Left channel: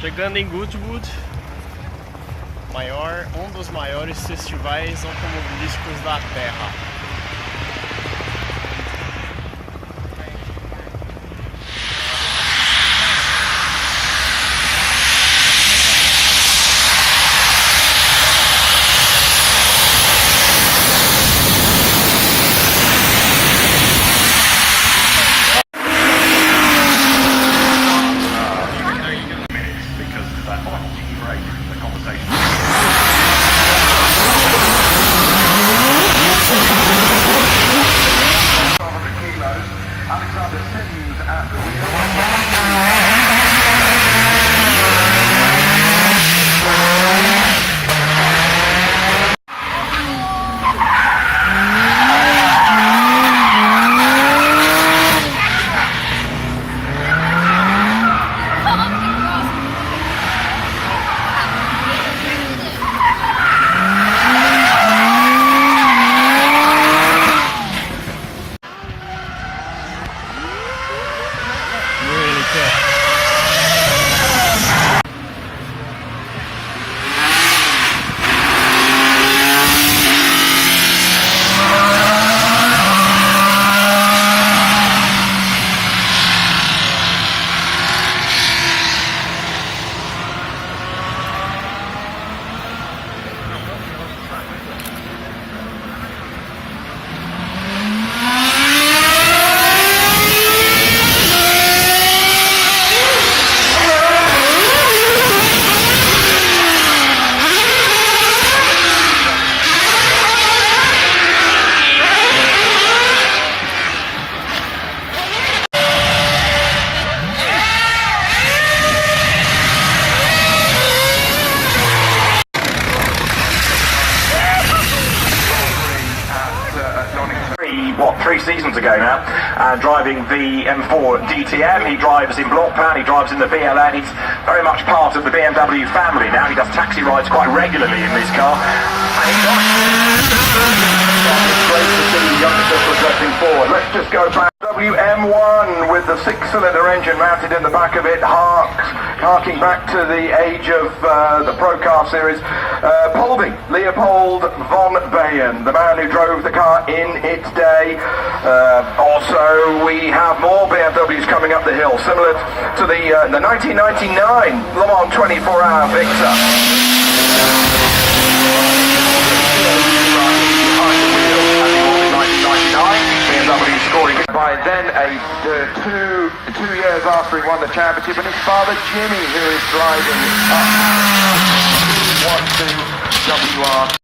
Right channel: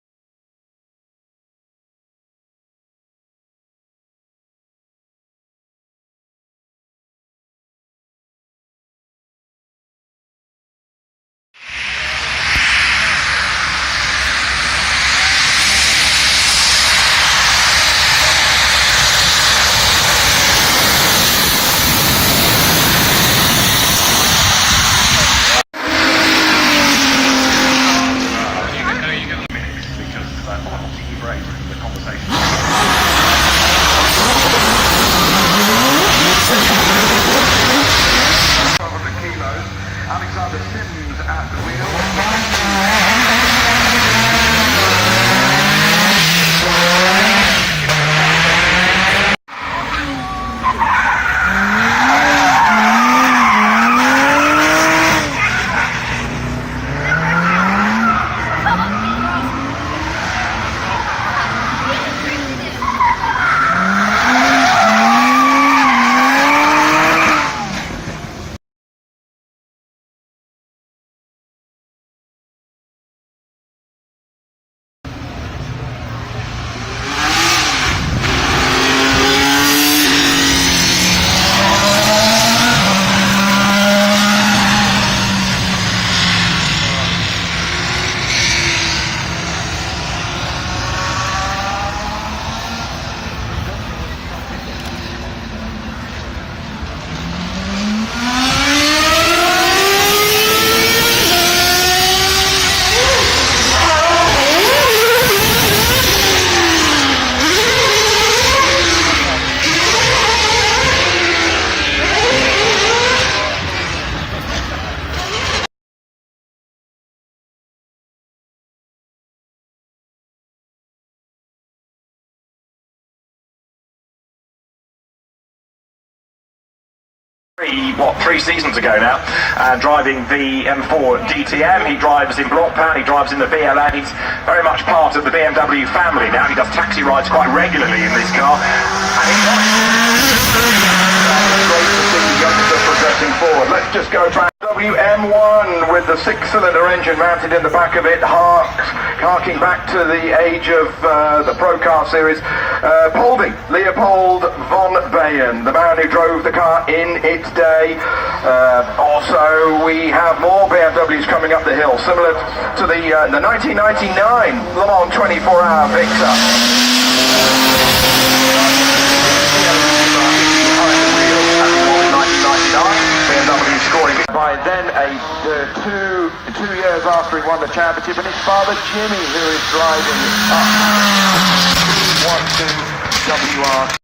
Chegando em Goodwood, um dos maiores festivais automobilísticos da Terra. What, 3 seasons ago now, driving the M4 DTM. He drives in block plan, he drives in the VLA. He's very much part of the BMW family now. He does taxi rides quite regularly in this car. Let's just go back. WM1 with the 6-cylinder engine mounted in the back of it, harking back to the age of the Procar series. Leopold von Bayen, the man who drove the car in its day. Also, we have more BMWs coming up the hill, similar to the 1999 Le Mans 24-hour Victor. By then, two years after he won the championship, and his father Jimmy, who is driving up 1-2 WR.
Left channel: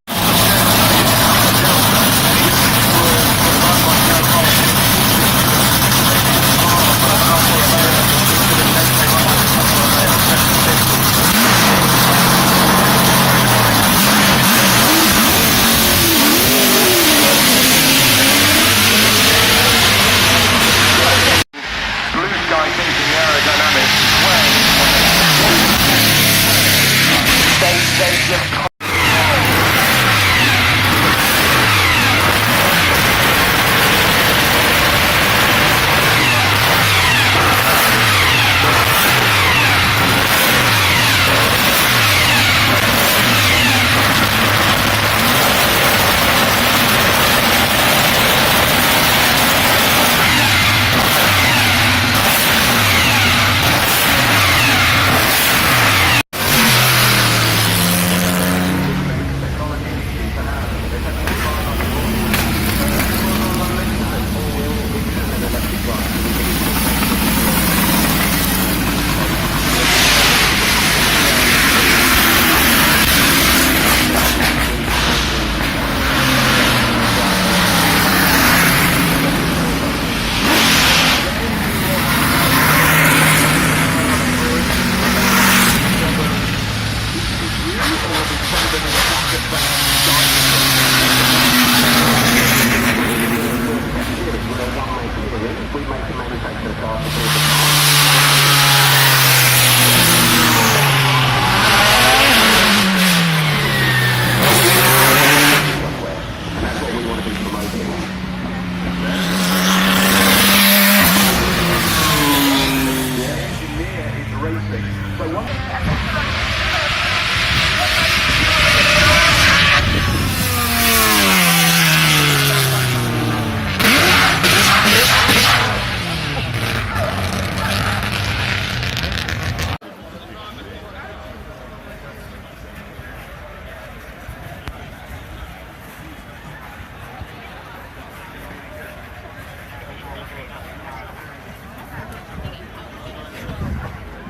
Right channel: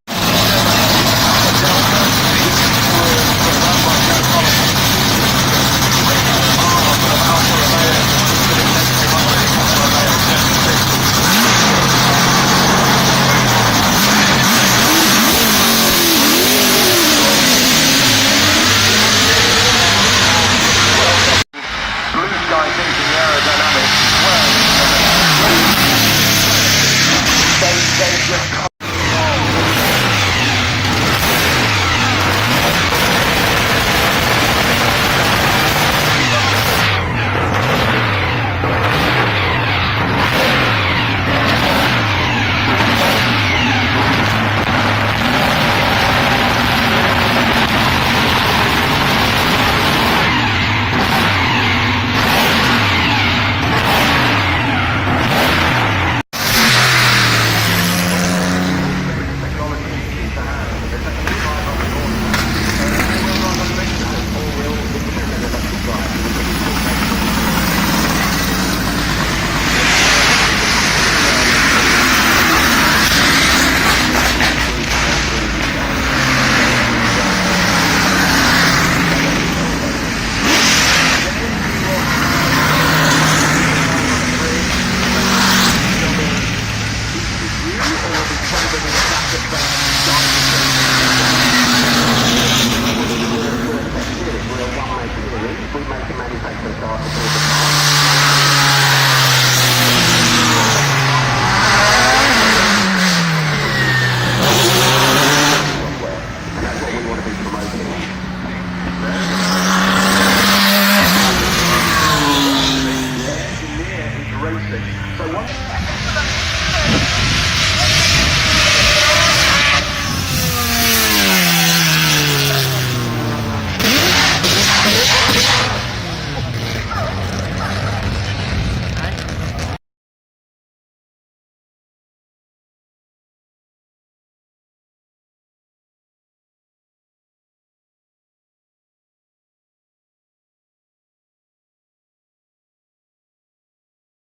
So once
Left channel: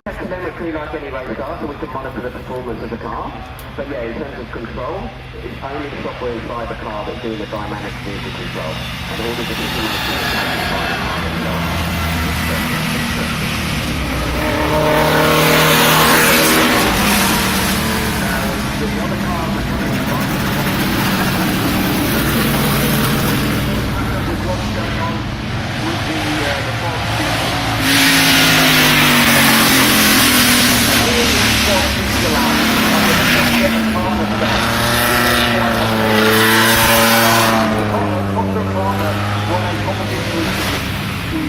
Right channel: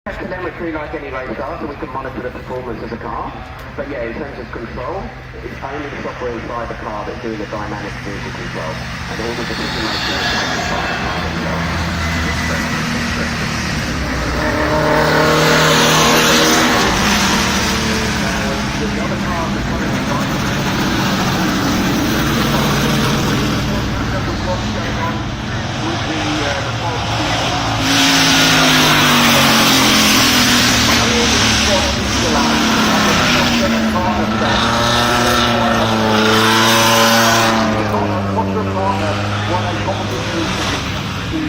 academically like any race car, so we can monitor the performance of the car. But yeah, in terms of control, it's only the software inside the car that's doing the dynamic vehicle control. And all the decision making is taken by the car itself. Now, the other cars are coming behind what's going on with the FOS. Foster partner won a competition to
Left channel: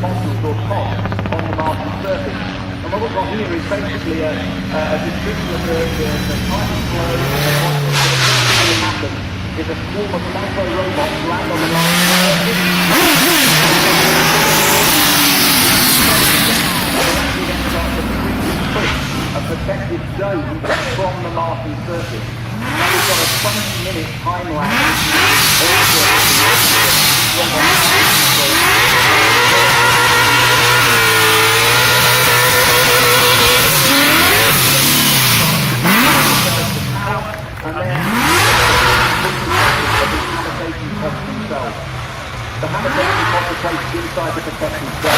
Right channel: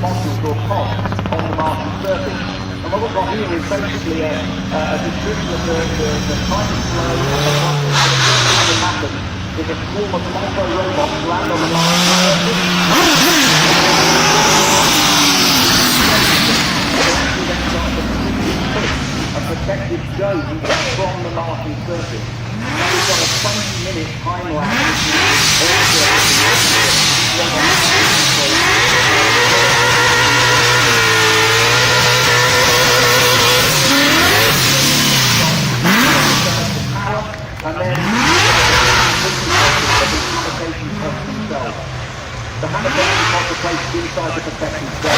modules or pods on the Martian surface. And what we've got here is basically a description of the timing flow. The first thing that happens is a swarm of micro-robots land on the Martian surface. We then start to quickly push a protective dome from the Martian surface. Now we've got a 20-minute time lapse. And then the pods themselves. The habitation pods are placed inside the protective dome.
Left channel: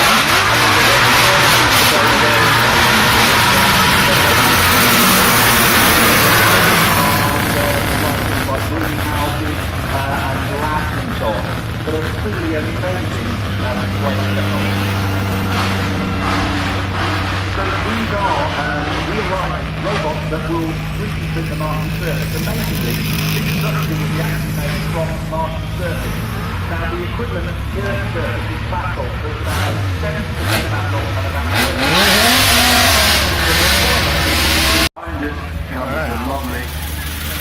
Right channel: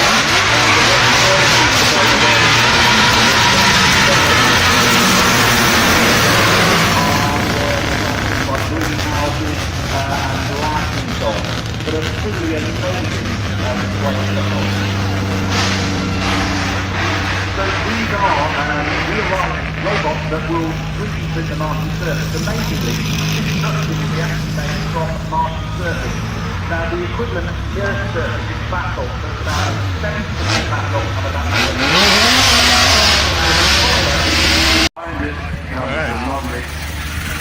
Like greenhouses and labs and so on, but a truly amazing display of technology. So these are real-life robots that will 3D print the Martian surface. Amazingly, construction is actually made from the Martian surface. Now the equivalent Earth surface is basalt, so it's about 70% basalt and about 30%. Alright.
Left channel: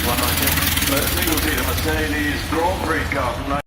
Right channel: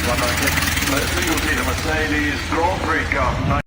This will be the Mercedes Grand Prix car from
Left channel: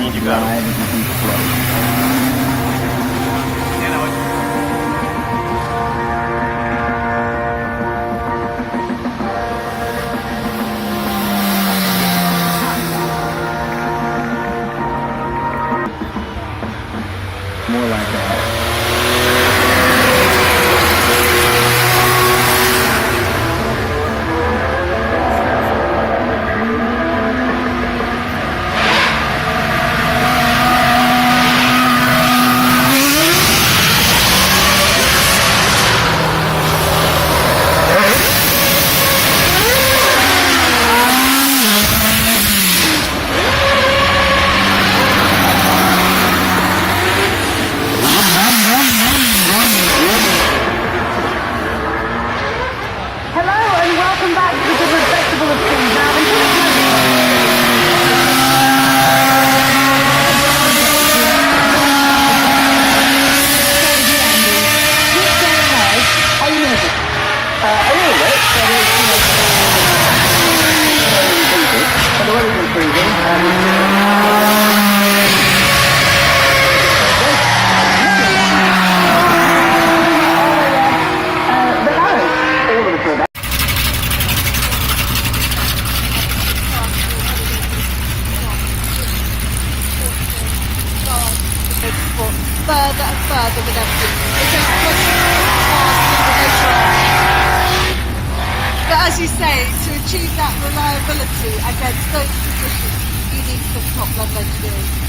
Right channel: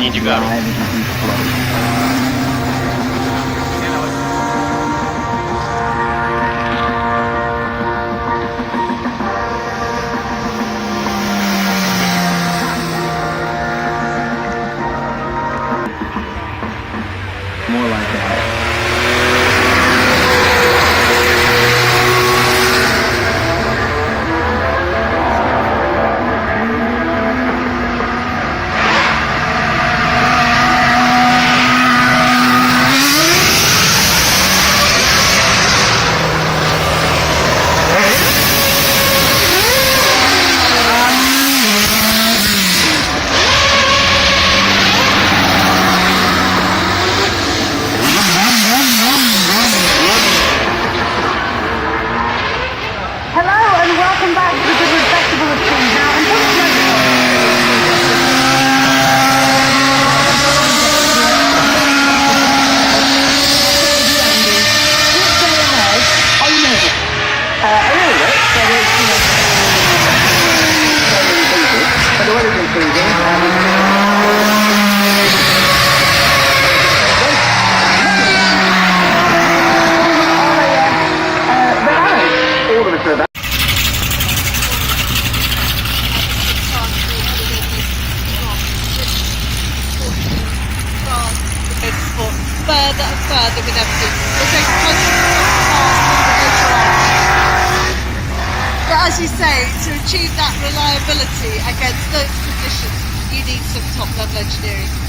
antigo, cara. More like that. further with everything. But as you say, to achieve that reliability against those conditions, you need some top-level engineering.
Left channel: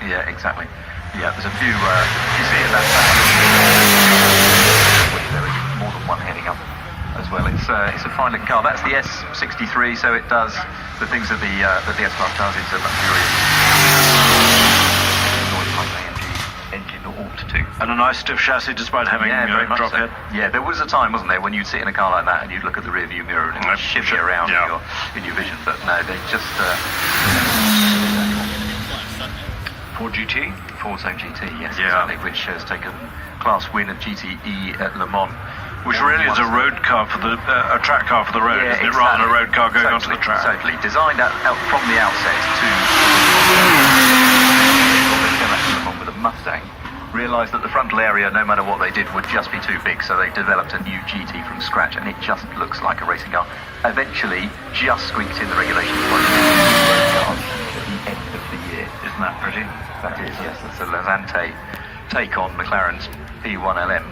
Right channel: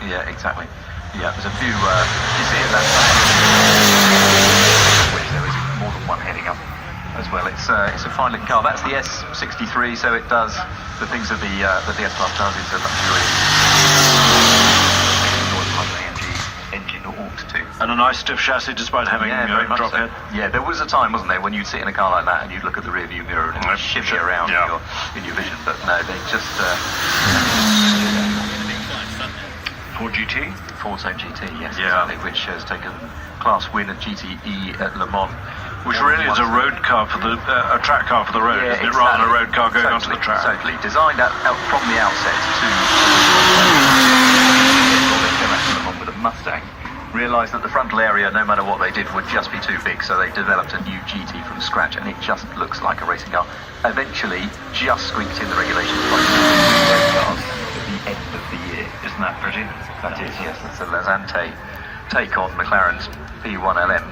Yeah, exactly. Yeah, there's a few, you see it, which there is more than one heading up as well. It's a fine looking car. That's the S63, so it does the things that the S-Class does in the luxurious engine ought to. And a nice stiff chassis despite having very much drop so. head. Yeah, there was a time, wasn't there, when you'd sit in a car like that and you'd look at the rear view mirror and it would shimmy around in your vision, but no, they just... Ford GT? Ford GT, yes, Yeah. which has taken class win at GTE at Le Mans. Which really is a road car for the a track car for the road, Yeah, isn't it? Rather than a road car going totally, onto the track. Totally. Designed out from the outset along with a Mustang. Realised that the frontal area, no matter what they did, would just be too big, so they developed a new GT from scratch, and it just looks like a racing car. Eventually, just squeaked in the regulations at the end of the year. Isn't that pretty? That is, yes. It's a Lazante take on McLaren's P1LM,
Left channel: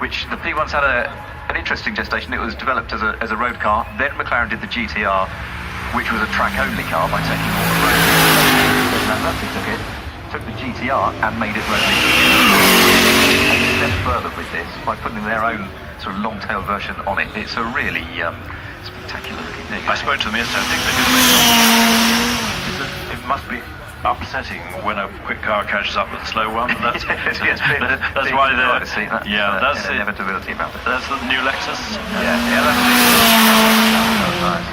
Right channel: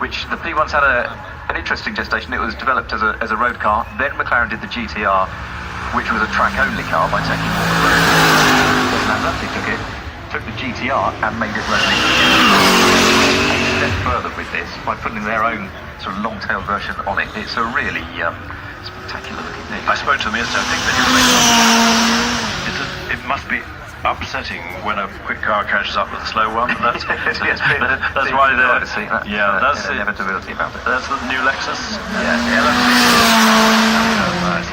which the P1's had an interesting gestation. It was developed as a road car. Then McLaren did the GTR, which was a track-only car by taking took the GTR and made it road. Went further with this by putting their own sort of long-tail version on it. It's a really spectacular looking thing. I spoke to them yesterday. It must be upsetting when a quick car catches up with a slow one. That's why they're... Yeah, that's the inevitability about it. That's the new Lexus.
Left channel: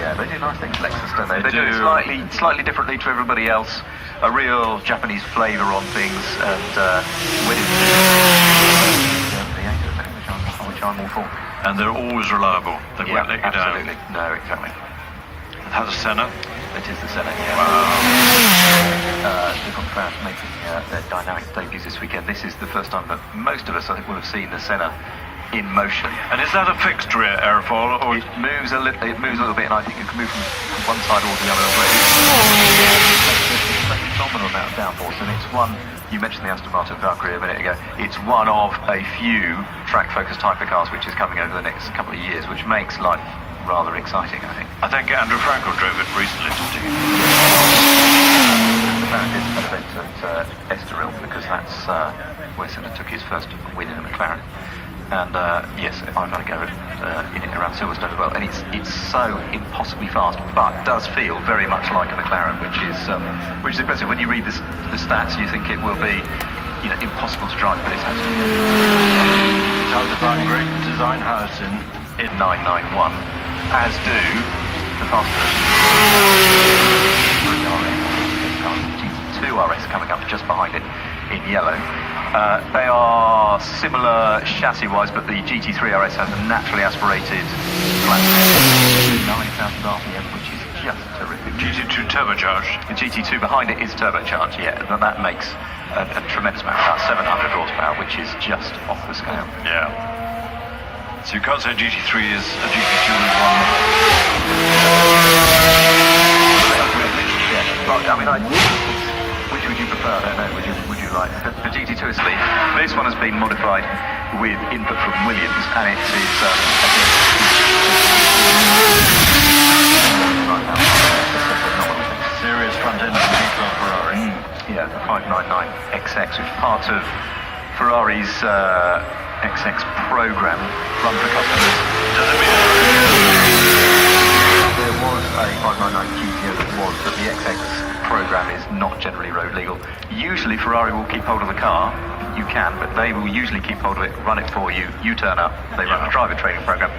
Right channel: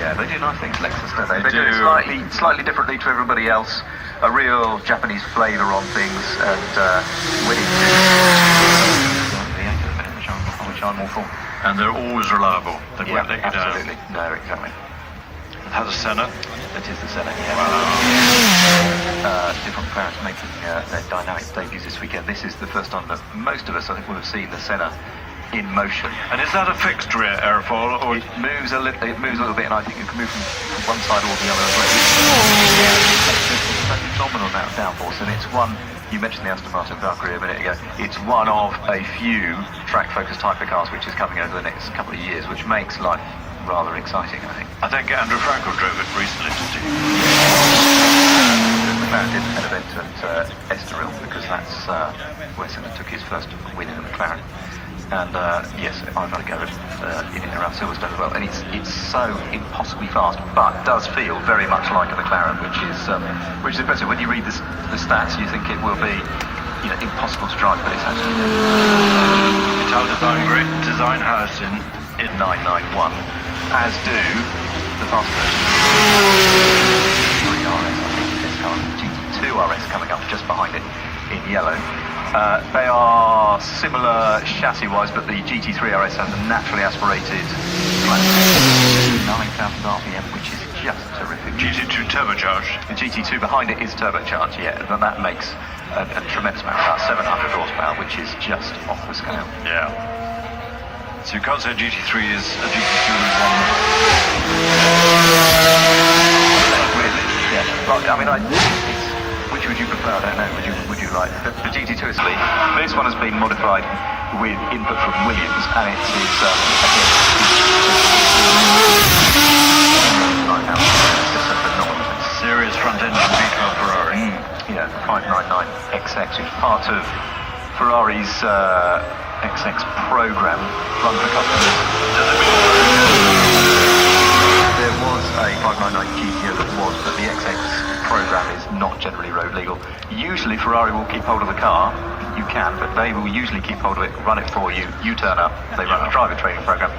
Yeah, they do nice things, Lexus, don't they? They do do. it slightly differently to everybody else. A real Japanese flavour on things, and winning. Which I'm all for. And they're always reliable. They won't let you down. Absolutely. No, exactly. Has a Senna. That is the Senna. Different crowds making their dynamic debuts this weekend. This is the first time that most of us, I think, will have seen the Senna in motion. And is that a fixed rear aerofoil, or it moves a little bit, and I think it can move from one side or the other as well. It's a phenomenal amount of downforce, and it's one. You mentioned the Aston Martin Valkyrie a minute ago. It's one of a few track-focused hypercars which is coming over the next couple of years, which makes life rather exciting, I think. I think Andrew Frankel drove it recently. This event at Estoril, because that's where Senna took his first win in a McLaren. And yes, I've had a go at in and around Silverstone as well. And it's so impossibly fast, but does feel very much like a McLaren, which is impressive. When you read the stats, you think it will be, impossible to drive, but it's actually. Great design house in 991, as do the faster GT2 RS coming up just behind it in yellow. They are similar chassis-wise, but the GT3 RS has a naturally aspirated 9,000 RPM, which is just terrific. GT2 turbocharged. The GT2 behind it is turbocharged, yeah, and that makes a tremendous amount of power, 700 horsepower, which is just off the scale. Yeah. So you can't say GT3 is a GT2 is one. Which would you prefer? I don't know. Would you like the GT2 is Lee. This one has been modified with input from Williams, and it's serious front end Ferrari. Yeah, 599 XX, which is part of Ferrari's XX program run for customers. There was a 599 GTO that was, but the XX program is not generally road legal. Usually Ferrari will keep hold of the car. You can, but they will usually keep hold of it, run it for you. You turn up, they run a driver training program.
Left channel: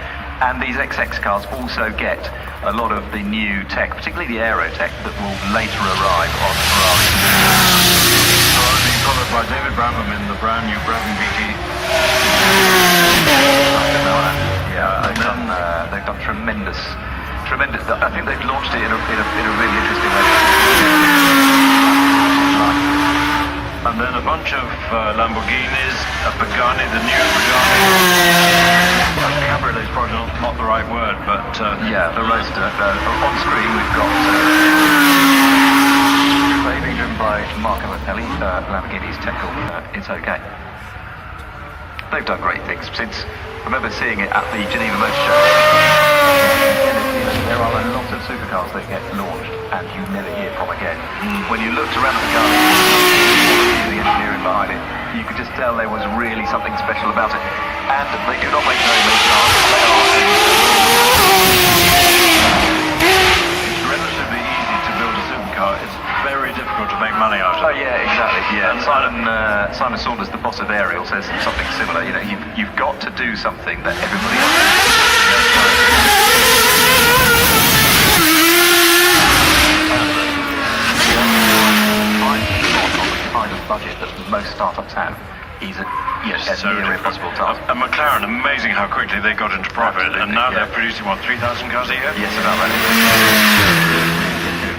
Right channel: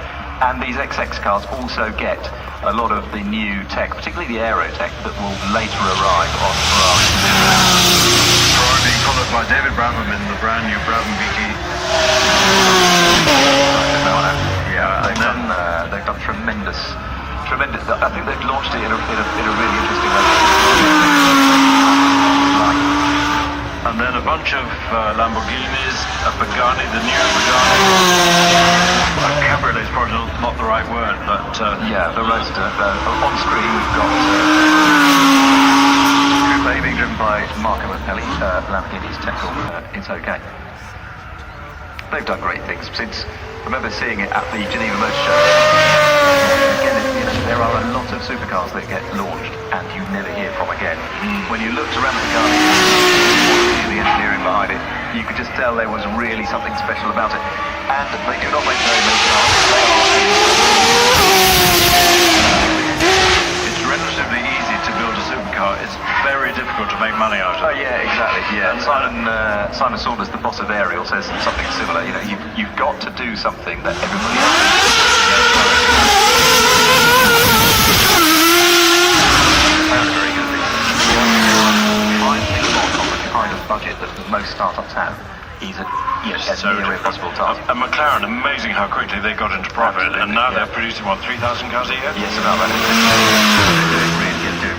And these XX cars also get a lot of the new tech, particularly the aero tech, that will later arrive on Ferrari. Followed by David Branham in the brand new Bourbon VT. Yeah, they've done tremendous. I think they've launched it in a really interesting way. And then a bunch of Lamborghinis, a Pagani, the new cabriolet is probably not the right word, but yeah, the Roadster. On screen we've got being driven by Marco Martelli, Lamborghini's technical. It's okay. They've done great things since. I remember seeing it at the Geneva Motor Show. There are a lot of supercars that get launched and you never hear from again. When you looked around the car, the engineering behind it, you could just tell there was really something special about it. And they do not make very many cars. It's relatively easy to build a supercar. It's very difficult to make money out of. Oh yeah, exactly. Yeah, Simon Saunders, the boss of Ariel, says something similar. You've got to do something that everybody else kind of budget that most startups have is a near impossible task. And McLaren, amazing how quickly they got into profit, and now they're producing 3,000 cars a year. Yes, about that.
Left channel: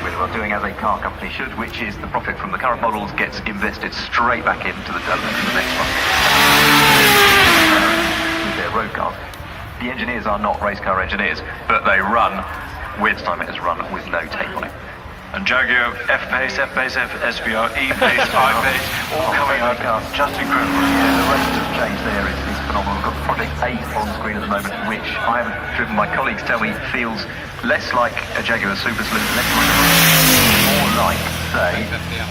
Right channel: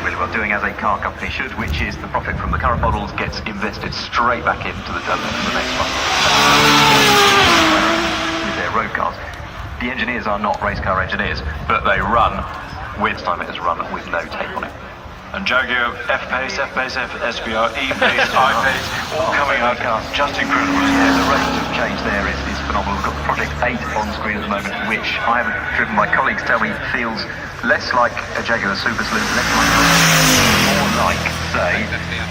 Really well, doing as a car company should, which is the profit from the current models gets invested straight back into the development of the next one. With their road cars. The engineers are not race car engineers, but they run, weirdest time it has run with no tape on it. And Jaguar F-Pace, SVR, E-Pace, I-Pace, all coming out just incredible. Yeah, the relative change there is phenomenal. We've got Project 8 on screen at the moment, which I haven't driven. My colleagues tell me feels less like a Jaguar Super Saloon, more like, say,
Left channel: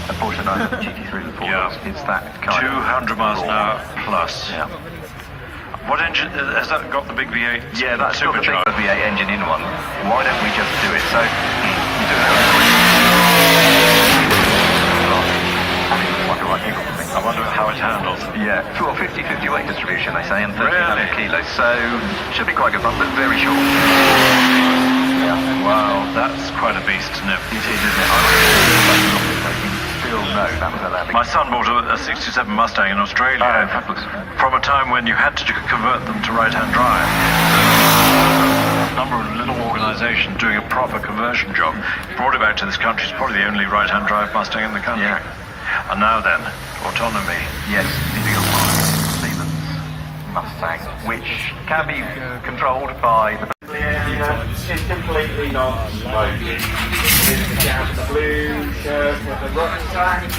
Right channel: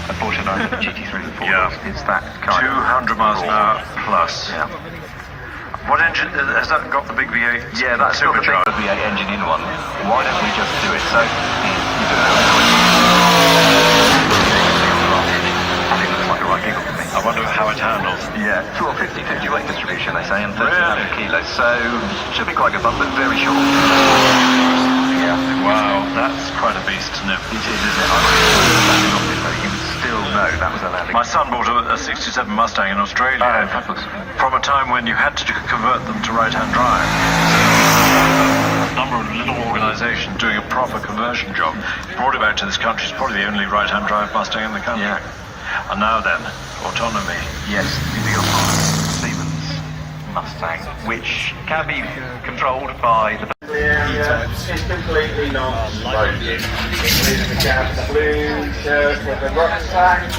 a Porsche 911 GT3. Yeah. It's that kind 200 miles an hour plus. Yeah. What engine, has that got the big V8? Yeah, that's got the big V8 engine in one. Why don't we just do it? So, you do and it looks like a right giggle to me. I wonder how it handles. Yeah. 50-50 weight distribution, they say, and 1,300 kilos. So, should be quite good fun, but very short. Yeah. Wow, that's quite a beast to know. You still know that was a landing. My son bought a 67 Mustang in Australia from a time when you had to convert them to right-hand drive. A number of little organisations organisation doing a proper conversion job. Brought it back to this country. It's probably the only right-hand drive Mustang in the country. Yeah. And now then, autonomy. Yes, Siemens Mustang, which can be controlled by the... It's completely not smoke. It's the blue shirt with the rucksack.